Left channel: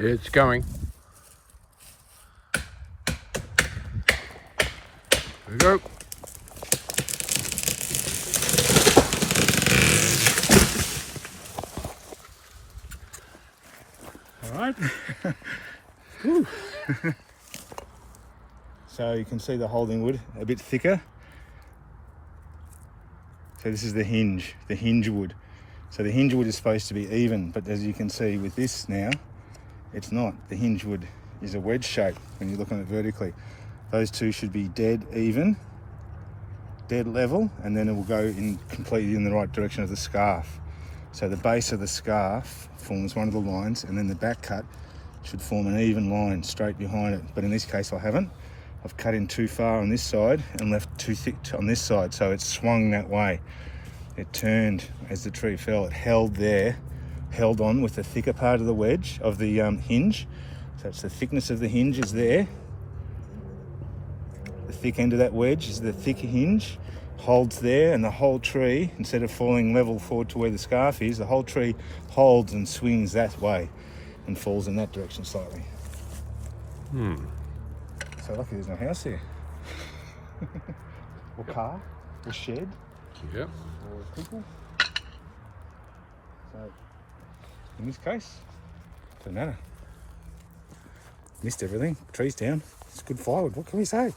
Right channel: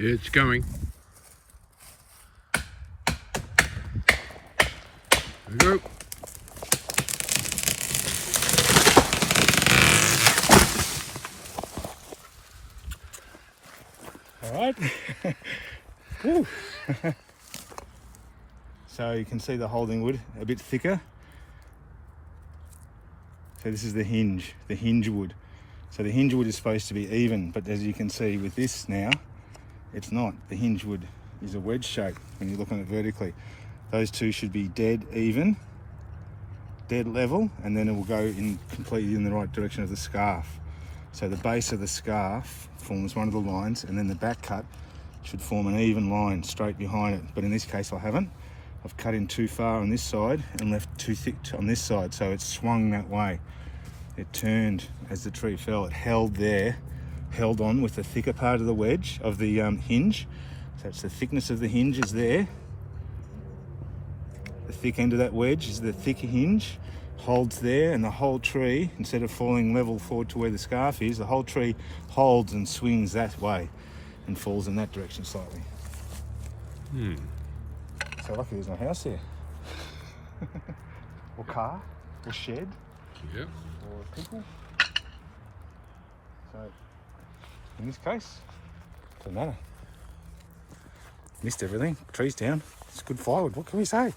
It's going. There we go. All right. So you can see the holding wood a bit thicker. So this is the hinge wood. So the hinge wood is supposed to be even, but as you can see with this now, it's not. The hinge wood is a wedge shape when you look on it vertically. Those two should be dead even, dead level, and then it will go in completely in the right direction of the scarf. So the base of the scarf forms one of the lines, and then the back cut should form an even line straight behind it. But in this case I haven't. I've cut in too far on this side and left too thick on this side, so it swung that way. It turned as the tree fell. It held there, held on with the thicker part of the wedge of the hinge. So it's the thickness of the hinge is there. The thick end of that wedge is the thicker hinge, holds there, and the whole tree, instead of falling level forward to where the scarf is, the whole tree holds and swings that way and falls in that direction slightly. So lucky there's no house there. Or car, or shed. Yep. Or people. So in this case, doesn't matter. Missed everything. Trees down. It's good firewood. What can we say?